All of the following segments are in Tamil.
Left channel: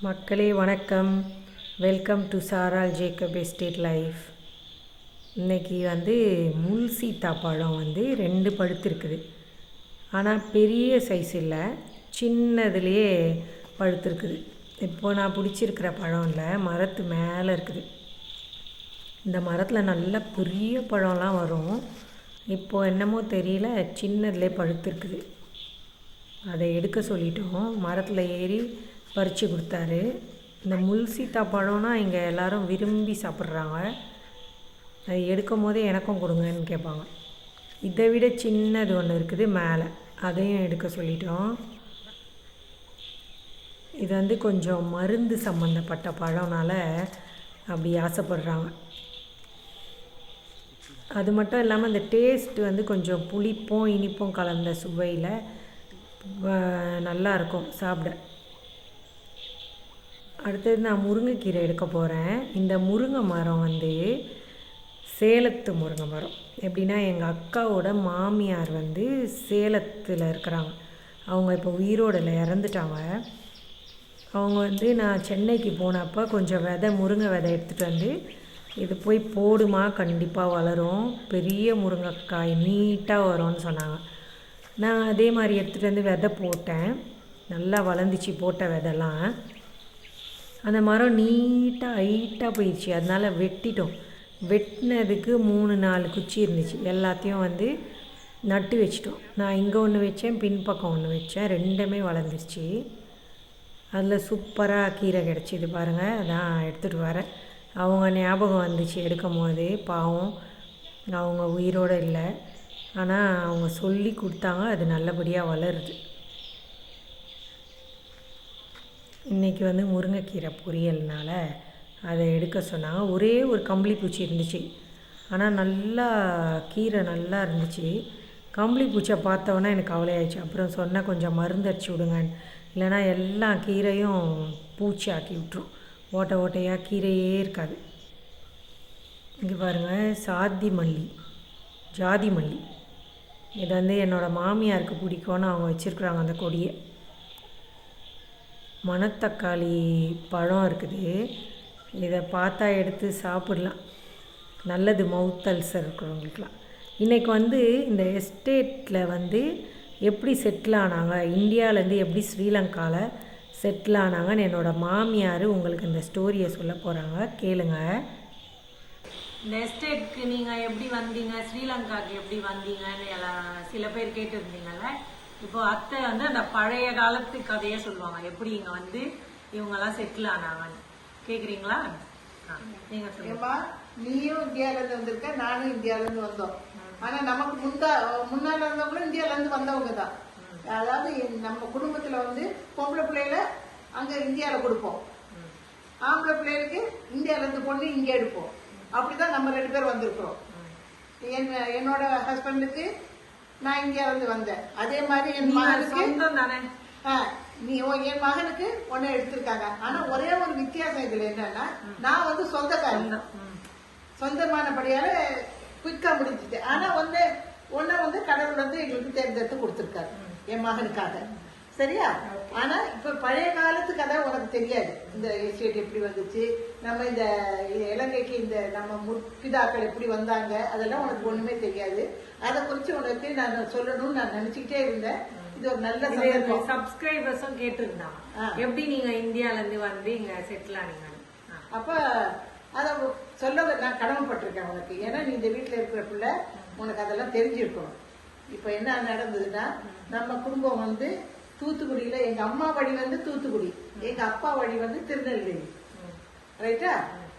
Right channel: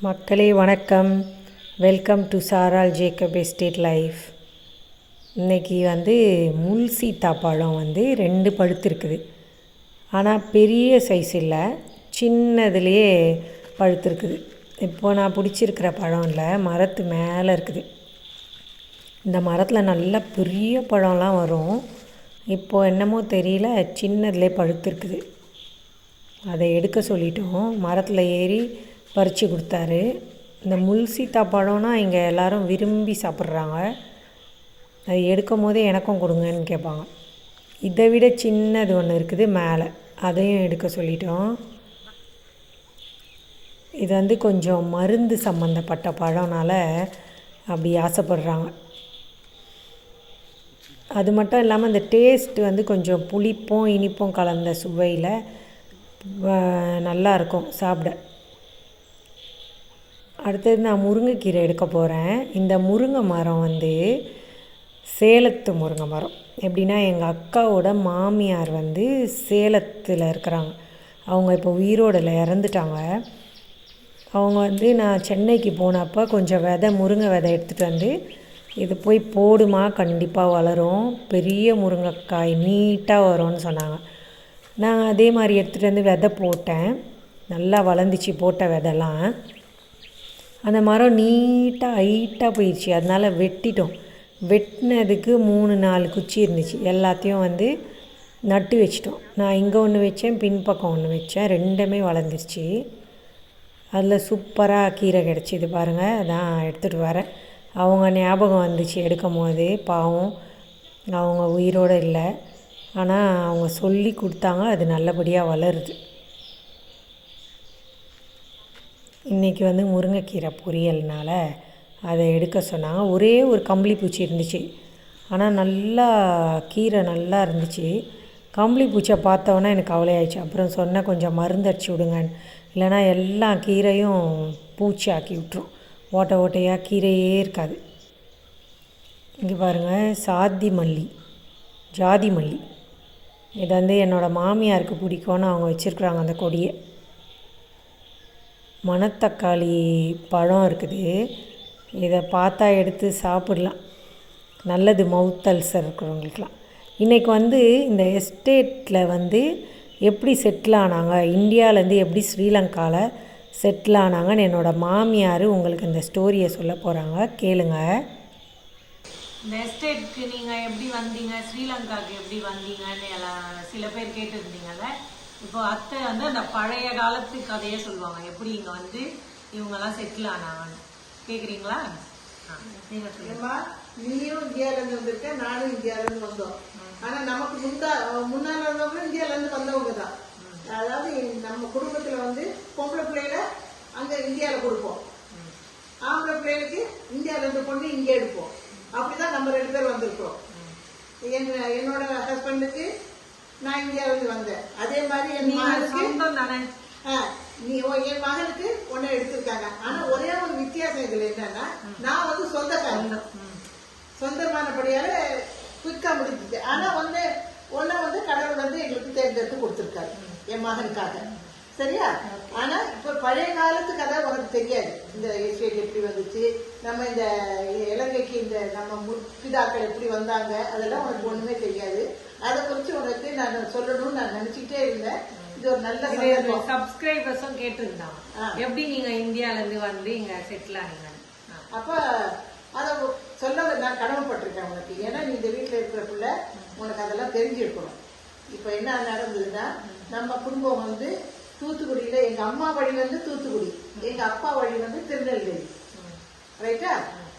மக்களே வணக்கம். வெல்கம் டு சாரால் ஜேக்கப் எஸ்டேட் லைஃப் இன்றைக்கி வந்து முள் சீத்தாப்பழம் வந்து ரெண்டு பழுத்திருக்குது. ஆனால் பெரிய சைஸ் இல்லை. சின்னதுலேயே பழுத்திருக்குது. இப்போ நான் பிடிச்சிருக்கிற பழம் இல்லை. மரத்து மேலே இருக்குது. இந்த மரத்தில் நல்ல பெரிய பழம்லாம் வரும். இப்போ என்னமோ தெரியல. சின்னதுலேயே பழுத்திருக்குது. அதை எடுக்க சொல்லிட்டோம். மரத்தில் ஏறி பறித்து கொடுத்தாரு. இந்த முள் சீத்தா பழம்னா இங்கே எல்லோரும் விரும்பி சாப்பிட்றாங்க. அது எடுக்கும் போதே எனக்கும் கொடுங்கன்னு கேட்பாங்க. இதை விட சின்னது ஒன்று இருக்குது மேலே. அதையும் எடுக்க சொல்லிட்டோம். இது வந்து கொஞ்சம் மருந்து சம்மந்தப்பட்ட பழம்னால அப்படி ஆசைப்படுறாங்க. அது மட்டும் இல்லாமல் இந்த டேஸ்ட் வந்து கொஞ்சம் புளிப்பும் இனிப்பும் கலந்த சுவையில் நல்லாயிருக்கும் சாப்பிட. அடுத்தது நான் முருங்கைக்கீரை எடுக்க போகிறேன் இந்த முருங்கை மரம் வந்து சேலத்து முருங்கை மரம். எப்படின்னா எங்கள் அக்காவோட மாமியார் வந்து சேலத்தில் இருக்கிறாங்க. அவங்க இப்போ உயிரோடில் இறந்துட்டாங்க. அவங்க வந்து நான் சென்னைக்கு போனப்போ கொஞ்சம் விதை முருங்கை விதை எடுத்துகிட்டு வந்து இது போய் போடுமா கண்டிப்பாக வளரும். பெரிய முருங்கைக்காய் நீட்டாக வரும்னு சொன்னாங்க. நான் அதே மாதிரி எடுத்துகிட்டு வந்து விதை போட்டேன். நல்லா வளர்ந்துச்சு போட்ட விதைலாம். அந்த மரம் நீட்டாக ஹைட்டாக போயிடுச்சு அதனால் வெட்டிட்டோம். வெட்டினதுக்கு மூணு நாலு குச்சி இருந்துச்சு. எல்லாத்தையும் வந்து நட்டு வச்சிட்டோம். நான் இங்கே ஒன்று வச்சேன் பின்பக்கம் ஒன்று வச்சேன். ரெண்டுமே வளர்ந்துருச்சு. அதில் சூப்பராக கீரை கிடச்சிது பாருங்கள் அதான் எடுத்துகிட்டு வரேன். அவங்க ஞாபகம் வந்துச்சு எடுக்கும் போது பாவம் அவங்க உயிரோடு இல்லை. ஆனால் அவங்க சொல்லி கொடுத்தாங்க. அது நல்லபடியாக வளருது. இன்றைக்கி வந்து முருங்கைக்கீரை பொரியல்னால அதை எடுக்க சொன்னாங்க. ஒரே ஒரு கம்பளி பூச்சி இருந்துச்சு. ஆனால் நல்லா கீரை நல்லா இருந்துச்சு. கம்பளி பூச்சியை பார்த்தோன்னே எனக்கு கவலையாயிடுச்சு. அப்புறம் சொன்னேன் கொஞ்சம் மருந்து அடிச்சு விடுங்கன்னு. இல்லைன்னா எல்லா கீரையும் பூச்சி ஆக்கி விட்டுரும். ஓட்டை ஓட்டையாக கீரையே இருக்காது. இங்கே பாருங்கள் சாதி மல்லி ஜாதி மல்லி. இது வந்து என்னோடய மாமியாருக்கு பிடிக்கும்னு அவங்க வச்சுருக்குறாங்க அந்த கொடியை. மணத்தக்காளி பழம் இருக்குது. இதை பார்த்தா எடுத்து சாப்பிடலாம். நல்லது மவுத் அல்சர் இருக்கிறவங்களுக்குலாம் இன்றைக்கி வந்து இந்த எஸ்டேட்டில் வந்து எப்படி செட்டில் ஆனாங்க? இந்தியாவிலேருந்து எப்படி ஸ்ரீலங்காவில் செட்டில் ஆனாங்கன்னு என்னோடய மாமியார் உங்களுக்கு இந்த ஸ்டோரியை சொல்ல போகிறாங்க கேளுங்க. இந்த எஸ்டேட்க்கு நீங்கள் எப்படி வந்தீங்க? ஸ்ரீலங்காவுக்கு எப்படி வந்தீங்கன்னு எல்லாம் சில பேர் கேட்டிருந்தீங்கல்ல? இப்போ அத்தை வந்து அந்த பழைய காலத்து கதையை சொல்லுவாங்க. எப்படி இங்க வந்து இவங்கெல்லாம் செட்டில் ஆனாங்கன்னு. கேக்குறீங்களா? ஆ, நீங்க சொல்லுங்க. நீயும் இந்தியால இருந்து வந்திருக்க நானும் இந்தியால இருந்து வந்தோம் ஆனா நமக்கு முந்தா முன்னால இருந்தவங்களும் இந்தியால இருந்து வந்தவங்க தான். அதாவது நம்ம குடும்பத்துல வந்து பொம்பளை பிள்ளைல அங்க இந்தியால கொடுப்போம். ஆம்பளை பிள்ளைகளுக்கு இந்தியால இருந்து பொண்ணு இங்க எடுப்போம். அப்படிதான் நம்ம ரெண்டு பேர் வந்திருக்கிறோம். என் என்னோட ஹஸ்பண்டுக்கு நான் இருந்து வந்தேன். அதே மாதிரி என் மகனுக்கு தானே நீ என் மகனுக்கு ஒன்னு எடுத்திருக்காங்க. ஆனா ஒரே ஒரு வித்தியாசம் இதுல என்னன்னா நான் வந்து சொந்தக்காரன் ம். சொந்தமானபடியால குயிக்கா முடிஞ்சுது. ஆனா ஒண்ணு ஒன்ன வந்து கடவுள் வந்து எங்களுக்கு தேர்ந்தெடுத்து கொடுத்திருக்காரு என் மகனுக்காக. சரியா? ஆனா இப்ப பழைய காலத்து கதை உனக்கு தெரியாது. இந்த எஸ்டேட் எப்படி வந்துச்சு? நம்ம இந்த இலங்கைக்கு இந்த நம்ம முற்பிதாக்கள் எப்படி வந்தாங்க? அதெல்லாம் உனக்கு ஒண்ணுமே தெரியாது. அதை குறிச்சு உனக்கு நான் சொல்லணும்னு நான் நினைச்சுக்கிட்டே இருந்தேன் இது ஒரு நல்ல சப்ஸ்கிரைபர்ஸும் கேட்டிருந்தாங்க ஆ. எப்படி நீங்க இந்தியால இருந்து வந்து இங்க செட்டில் ஆனீங்க. அப்ப அதை சொல்ல நான் கடமைப்பட்டிருக்கேன் உனக்கு. ஏன்னா நீ இந்த வீட்டுல இருக்கிற பிள்ளை உனக்கு அதெல்லாம் தெரிஞ்சிருக்கணும். இப்ப என்ன நடந்ததுன்னா நம்ம குடும்பம் வந்து தூத்துக்குடியில எங்க அம்மா வழி வந்து தூத்துக்குடி எங்க அப்பா வழி வந்து திருநெல்வேலி. ரைட்டா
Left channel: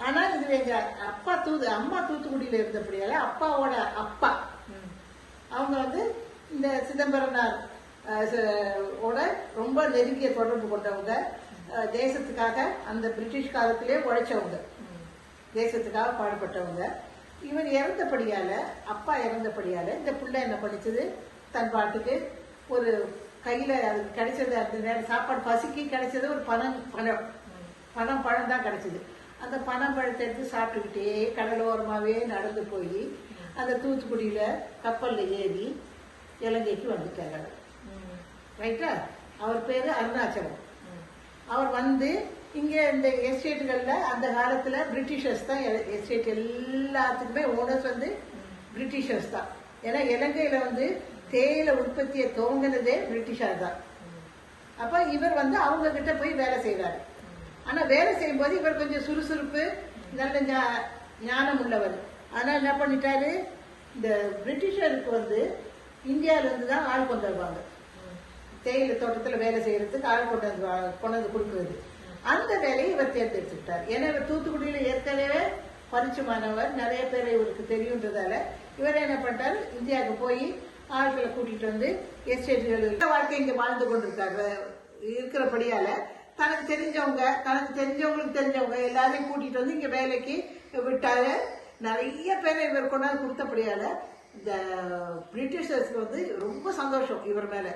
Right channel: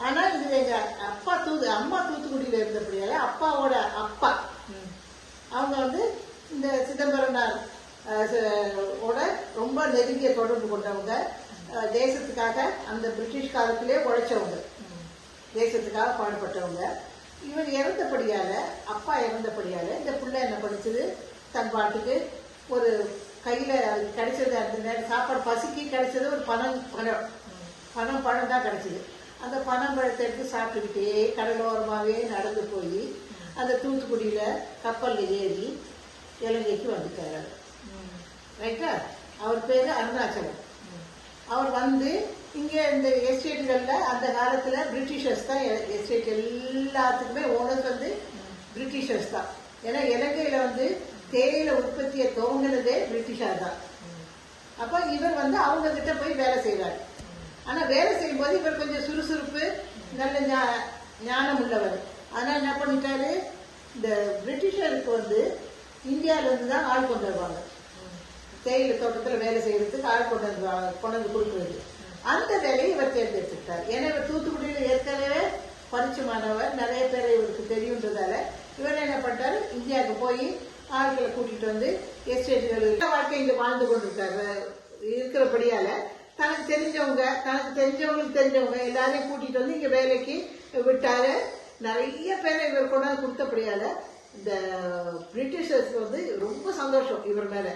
ஆனா இது எங்க அப்பா தூது அம்மா தூத்துக்குடியில இருந்தபடியால அப்பாவோட அப்பா அவங்க வந்து இந்த சிதம்பரனார் ஓட ரொம்ப நெருங்கிய தொடர்பு கொண்டவங்க. தேசத்துக்காக அந்த பிரிட்டிஷ் காலத்திலே உழைச்சவங்க. தேசத்துக்காக பாடுபட்டவங்க. இவர் இறந்தபடியால அப்பா இறந்தபடியால இந்த பிள்ளை என்ன படிச்சது தன் பாட்டுக்கு ஒரு கையில அதுக்கு கிடைச்சது அந்த நேரம் சாப்பாடு பசிக்கு கிடைச்சது ஒரு பணம் பணம். பணம் பழம் தான் கிடைச்சது. அந்த பணம் பழத்தை எடுத்து சாப்பிட்டுக்கிட்டே கடலோரமாகவே நடந்து போய் அந்த தூத்துக்குடியில் கப்பலில் ஏறி இலங்கைக்கு வந்துட்டார் ரைட்டா அவர் பேர் அருணாச்சலம். அவர் வந்து இங்கே இந்த எஸ்டேட்டுகளில் அந்த காலத்தில் பிரிட்டிஷர்ஸ் தான் எஸ்டேட் எல்லாத்துக்குமே ஓனர்ஸ் வந்து பிரிட்டிஷர்ஸ் தான். ஏன்னா இலங்கையில் வந்து தேயிலை உற்பத்தியை துவங்கினதே பிரிட்டிஷார் தான். அப்போ இவர் வந்து அவங்க கிட்ட போய் வேலை செய்கிறார் ஆனால் வேலை செய்யும்போது இவர் கொஞ்சம் சுறுசுறுப்பு நல்ல ஞா- ஞானம் உள்ளவர். ஆனால் என்ன பண்ணிட்டாரு? இந்த பிரிட்டிஷருக்கு வந்து இந்தியாவிலேருந்து தான் ஆள் கொண்டு வருவாங்க. தேயிலை தோட்டத்தில் வேலை செய்யறதுக்கு ஆள் கொண்டு வந்து கொண்டு வந்து கொடுக்குறது. அந்த வேலையை இவர் தேர்ந்தெடுத்துக்கிட்டார் ஏன்னா இவர் தூத்துக்குடியில் ஏற்கனவே பரிச்சயமானவர் நிறைய பேர் இவருக்கு தெரியுன்றதால இவர் என்ன பண்ணிட்டாரு? இந்தியாவுக்கு போய் ஆட்களை கூட்டிகிட்டு வந்து எஸ்டேட்டுகள் வாழ்க்கை இங்கே வாழ்ந்து கொண்டிருக்காரு. இருக்கிறபடியால தனக்கு தெரிஞ்சவங்க தனக்கு தெரிஞ்சவங்களுக்கு தெரிஞ்சவங்க எல்லாரையும் கூட்டிகிட்டு வந்து இங்கே வேலைக்கு விட்டாரு. நிறைய பேரை இவர் கொண்டாந்து கொடுத்தபடியால இந்த பிரிட்டிஷர்ஸ் வந்து ரொம்ப சந்தோஷம் இவர் மேல.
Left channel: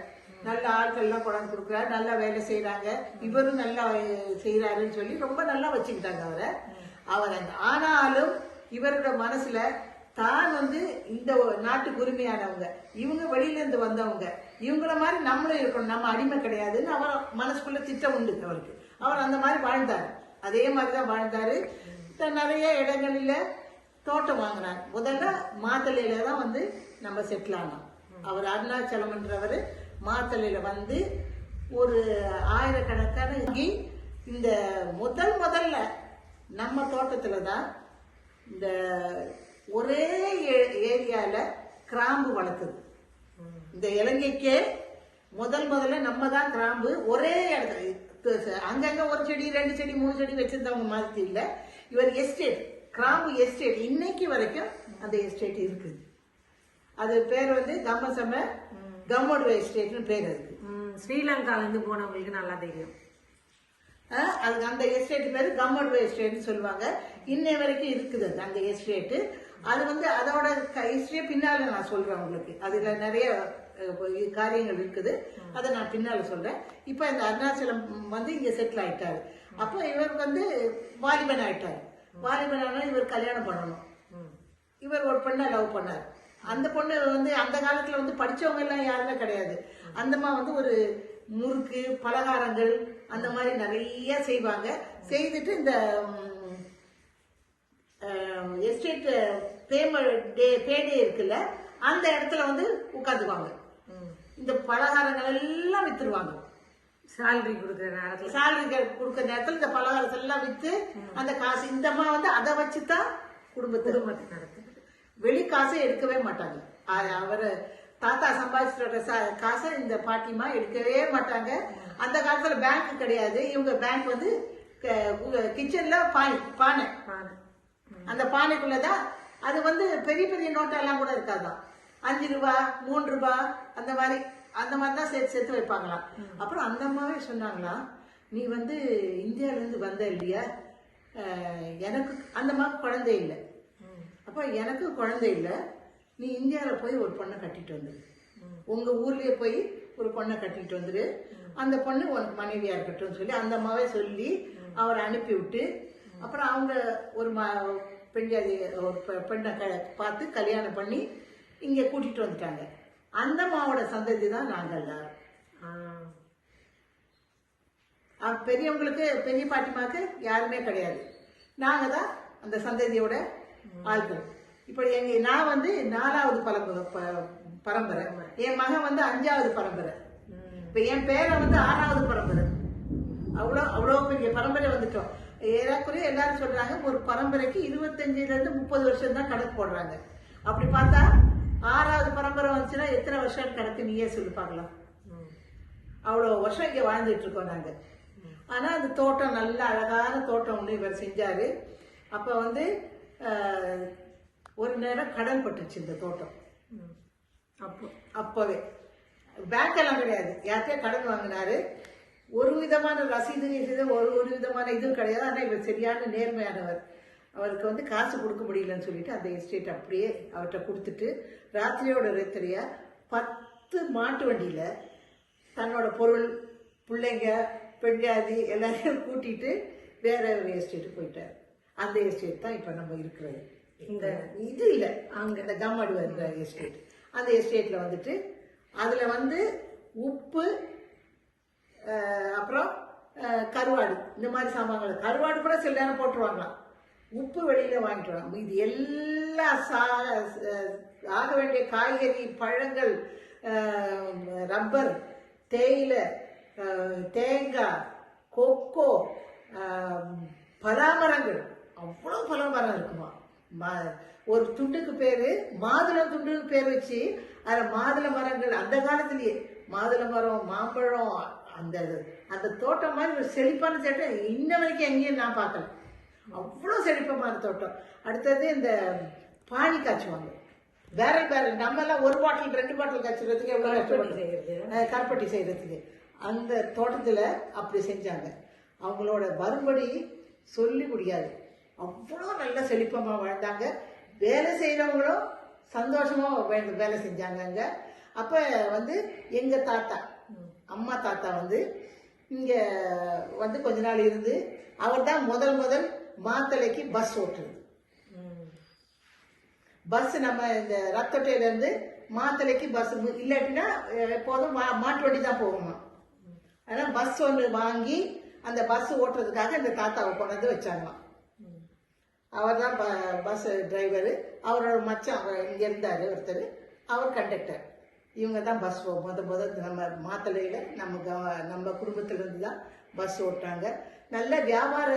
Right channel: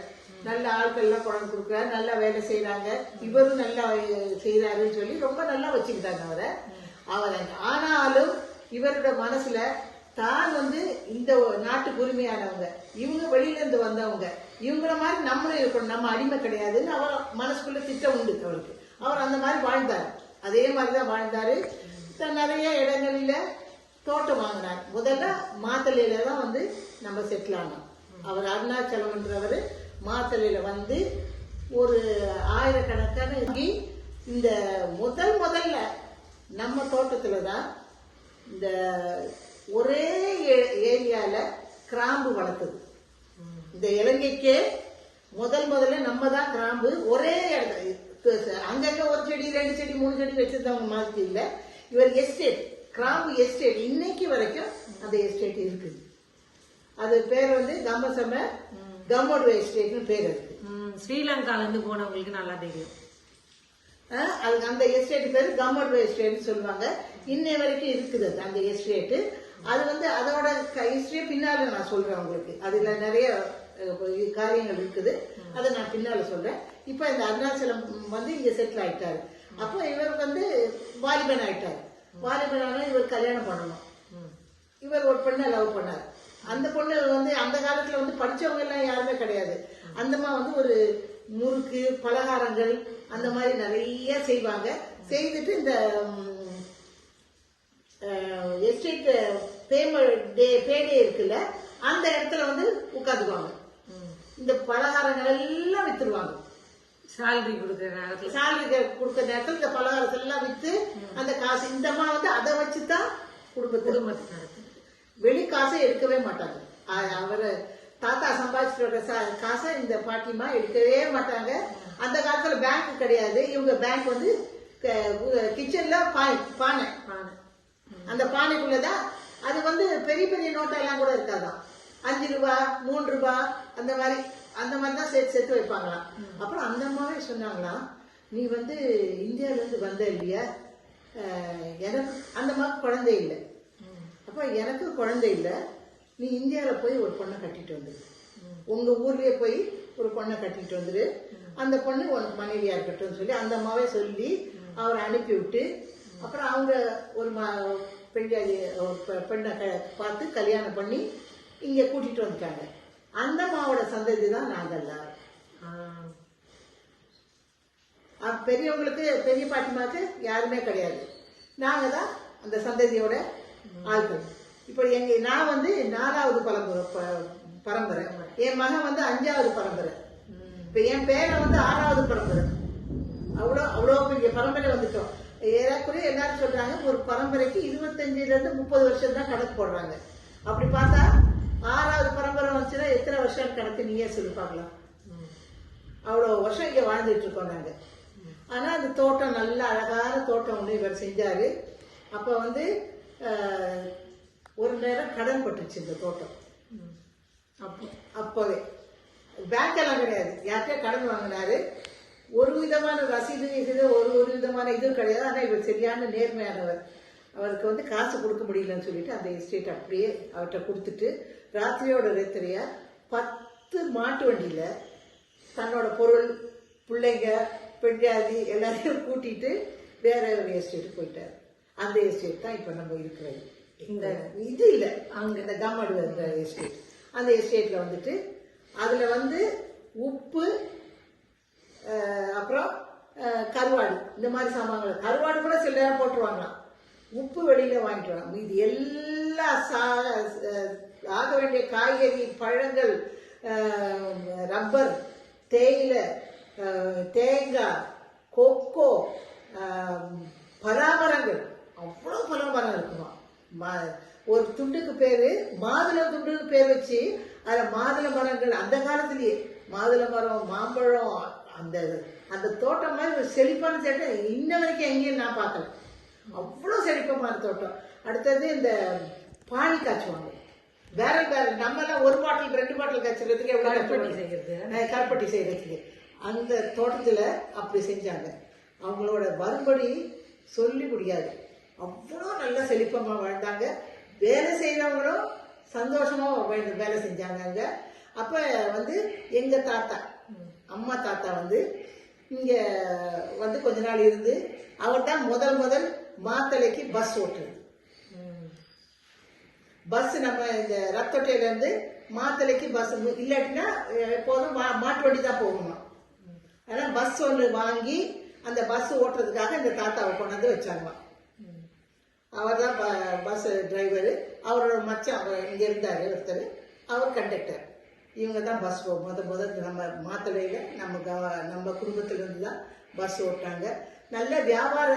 நல்ல ஆட்கள் எல்லாம் கொண்டாந்து கொடுக்குறாரு நல்லா வேலை செய்யறாங்க இவரும் நல்லா செய்யறாருன்னு சொல்லி ரொம்ப நல்லா வச்சுக்கிட்டாங்க அவரை. அவரை ஆனாலும் இவரோட மனசுல தான் வந்து இந்த நாட்டுக்கு உரிமையானவங்க இவங்க வெளியில இருந்து வந்தவங்க இவங்கள மாதிரி நம்மளும் இருக்கணும் நம்ம அடிமை கிடையாதுன்னு அவர் மனசுக்குள்ள திட்டம் உண்டு அவருக்கு அவர் அந்த மாதிரி வாழ்ந்தார். அதே மாதிரி தான் வாழ்ந்தாரு நிறைய இடங்களில் தோட்டம் வாங்கினார் முதல்ல மாத்தலையில தான் வந்து நம்ம செட்டில் ஆனோம் அவர் அருணாச்சலம்ன்றவர் மாத்தலையில வந்து ஒரு ஆயிரக்கணக்கான இந்த முதல் முதல்ல நம்ம தோட்டத்தில் தான் இந்த ஒரே ஏ- கிராம்பு வளர்க்குது. இந்த இலங்கைக்கே முதல் முதல்ல நம்ம தான் கிராம்பு ஒரே இடத்துல. அங்கங்க ஒரு செடி ரெண்டு செடி மூணு செடி வச்சிருந்தவங்க மாதிரி இல்லை. இவர் எஸ்டேட் கிராம்பு எஸ்டேட் இன்னைக்கு வரைக்கும் அந்த எஸ்டேட் இருக்குது அது பேர் வந்து கம்மசம கம்மோடு எஸ்டேட்னு பேர் இருக்கு. ஸ்ரீலங்கால இருந்து போனவங்களுக்கு நல்லா தெரியும். அது அந்த எஸ்டேட் பேர் கம்மோடு எஸ்டேட்னு சொல்லுவாங்க. இன்னை வரைக்கும் இருக்குது அது, அந்த எஸ்டேட் அது வந்து அதோட ஹிஸ்டரி பின்னால நான் சொல்றேன் உங்களுக்கு. அதுல நிறைய காரியங்கள் இருக்குது. அதை நான் பின்னால சொல்றேன். இப்போ இந்த அருணாச்சலம் வந்து இங்க செட்டில் ஆயிட்டாரு. அப்போ இவர் வந்து வாலிபன் ஆயிட்டாரு. ஆனா இவர் கல்யாணம் பண்ணணும். இவர் ஒரு பொண்ணை லவ் பண்ணார். அந்த பொண்ணு வந்து அந்த காலத்துல வந்து படிச்சவங்க எல்லாம் யாருமே கிடையாது. அந்தம்மா வந்து ஒரு முறுக்கு பலகாரங்கள் அந்த மாதிரி நிறைய செய்வாங்க. செய்துட்டு இந்த எஸ்டேட் பேம டே பேடே இருக்குல்ல அந்த இடத்துல வந்து உட்காந்துக்குவாங்க. இந்த பலகாரங்கள் எல்லாம் வித்துருவாங்க. சேலரி கொடுக்குற நேரத்துல. சாலரி கொடுக்குற நேரத்தில் இந்த பலகாரத்தை வித்து அந்த காசு இந்த அம்மா வந்து அதை வச்சுதான் குடும்பத்தை குடும்பத்தை நடத்துது. வெளி காசை எடுக்கவே மாட்டாங்க. அவரு தாத்தா சம்பாதிச்சிட்டு காசை இந்த பாட்டிமா எடுக்கவே மாட்டாங்க. அந்த காலத்துல பேங்க் கிடையாது. இவங்க பேங்க் வந்து கிச்சன்ல பானை பானை. அந்த பானைக்குள்ளதான் அது வந்து பெரிய பெரிய நோட்டெல்லாம் கூட இருக்காதான். அஞ்சு ரூபா மூணு ரூபா அந்த மாதிரி அந்த மாதிரி தான் சேர்த்து சேர்த்து வைப்பாங்களாம். அப்புறம் அந்த மாதிரி சொன்னாங்களாம் நீ வந்து இந்தியாவிலேருந்து வந்த இல்லையா? எனக்கு அந்த மாதிரி குழந்தை இல்லை. அப்போ எனக்கு குழந்தை இல்லை. நீ இந்தியாவில் போய் ஒரு பொண்ணை கட்டிட்டு வந்துரு. உங்கள் ஊர்லேயே போய் ஒரு பொண்ணை கட்டிட்டு வந்துரு. அந்த பொண்ணு உனக்கு மனைவியாக இருக்கட்டும் சொல்லி அந்த அம்மாவே சொல்லி அவரை அனுப்பி விட்டு அப்புறம் அவங்க ஒரு மா பெண்ஜாதி பெண்ணை க- பார்த்து கல்யாணம் பண்ணி இங்கே கூட்டிகிட்டு வந்துட்டாங்க. அந்த மாவோட சந்ததி தான் நாங்கள் பெரியவங்களுக்கு பெரிய பாட்டிமாச்சு யாருமே கிடையாது. நாங்கள் தான் அந்த சந்ததியோட ஆள்கள். இப்போ எங்க நான் வந்து நாலாவது பரம்பரை ப- பரம்பரை. என் மகன் வந்து அஞ்சாவது பரம்பரை. இப்போ என் பேரன் வந்து ஆறாவது பரம்பரை. அவ்வளோ அவ்வளோ பெரிய பரம்பரை வந்துட்டோம். ஏறக்குறைய எல்லாரும் சொல்றாங்க ஒரு பரம்பரைக்கு இருபத்தஞ்சுல இருந்து முப்பது வருஷம் தான் கணக்கு போடுறாங்க. அப்படி பார்த்தா ஆறாவது பரம்பரை வந்துச்சுன்னா எத்தனை வருஷம் கணக்கு? நீயே சொல்லி பார்க்கலாம். அவ்வளோ வருஷம் இங்கே வாழ்ந்துட்டு இருக்கோம் நாங்கள் ஆனால் அந்த தோட்டம் நல்ல அழகான தோட்டம் ஒன்று இவர் செஞ்சார். அப்போ வந்து ஒரு நேரம் கடன் பட்டுச்சு இந்த தோட்டம். அப்போ அப்போவே. பேங்க் எல்லாம் கிடையாது. யார்கிட்டயே கடன் வாங்கினாரு. ஒரு விதமான ரசீது இது ஒரு ஒரு விதமான இதுவும் கிடையாது. ஆனால் இவர் சரியான நேர்மையானவர். அவருக்கு வந்து காசு கொடுக்க முடியலன்னு சொல்லிட்டு அந்த எஸ்டேட் அப்படியே அவர்கிட்ட கொடுத்துட்டு ராத்திரியோட ரேத்தரியா பத்து மாட்டு வண்டியில் தன்னோட பொருள் பிள்ளைங்க பெண்ஜாதி எல்லாரையும் கூட்டிட்டு வேற ஒரு எஸ்டேட் போயிட்டாரு. அந்த எஸ்டேட் தான் இப்ப நம்ம இருக்கிறது. இந்த இது இல்ல. அங்க இந்த கம்மாடு அந்த எஸ்டேட் அந்த எஸ்டேட்ல வந்துட்டு அதுல வந்து உப்பு அப்புறம் கருவாடு. இந்த மாதிரி சாமான்கள். கருவாடு கூட சில நேரம் போட்டுருவாங்களாம். உப்பு வெளியில் வாங்கிக்கலாம். மீதி எல்லா சா ஆக வேண்டிய காய்கறி பழங்கள் ரப்பர் தேயிலை தேங்காய் கொக்கோ பலாமரங்கள் அவ்வளோ பலாமரம் இருக்குமா? ம- ஒரு துண்டுக்கு பேரு மாதுளை துண்டுன்னு பேர் வச்சு அந்த மாதுளை மரங்கள் அந்த காலத்திலேயே மாதுளை மரம் மாம்பழம் அந்த அந்த தோட்டம் மாதிரி ஒரு செழிப்பான தோட்டம். இன்ன வரைக்கும் எங்கேயும் நான் பார்க்கல அவ்வளோ செழிப்பமான தோட்டம். அடுத்தது இந்த பானி காய்ச்சுவாங்க. பேரல் பேரல் நம்ம எல்லாம் ஒரு பாட்டில் ரெண்டு பாட்டில் காய்ச்சறதுக்கு எவ்வளோ கஷ்டப்பட்டு செய்யறது. அஹ் கருப்பட்டி செய்கிறதுக்கு அந்த தோட்டத்தில் அப்படி செஞ்சாங்க. அவங்களோட மறுபடி சொல்லி முடியாது. அவ்வளோ நல்ல செழிப்பமாக வாழ்ந்தாங்க. வேலை செய்கிறவங்களும் சந்தோஷமாக வே- வேலை செஞ்சாங்க அப்போ வந்து எங்கள் தாத்தா அம்மா தாத்தா வந்து இங்கே வந்து கொஞ்ச நாள் இருந்து அவர் தான் முதல் முதல் மாத்தளைக்கு பஸ் ஓட்டுறது. பஸ் நம்ம இந்த ரத்தட்டையிலேருந்து மாத்தளைக்கு பஸ் இல்லாட்டினா எப்போதும் மா மாட்டு வண்டி தான் போகணும். அதனால் பஸ் ஒன்று வாங்கி அந்த பஸ் ஓட்டுறதுக்காக இந்த தாத்தாவை கொண்டாந்து வச்சாங்களாம் அவர் தான் பஸ் டிரைவரு அவரோட மச்சான் அவர் இங்கே இருந்தார் ஒருத்தர். அவர் கண்டக்டர் இவங்க தான் பஸ் முத முத நம்ம மாத்தலையில் நம்ம கவ நம்ம குடும்பத்திலேருந்து தான் பஸ் ஓட்டாங்க நல்ல வியாபார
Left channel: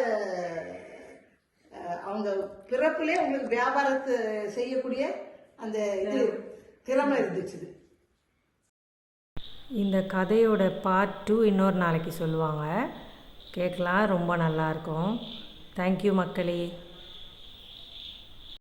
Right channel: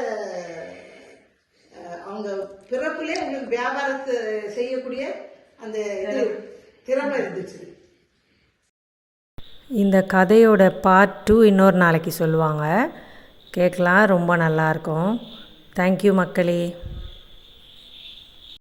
அவங்க பிறப்புலேயே அவங்க வியாபாரத்தை செய்யக்கூடிய அந்த இது திறமை இருந்துச்சு. இந்த கதையோட பார்ட் டூ இன்னொரு நாளைக்கு சொல்லுவாங்க. கேட்கலாம் ரொம்ப நல்லாயிருக்கும் தேங்க்யூ மக்களே.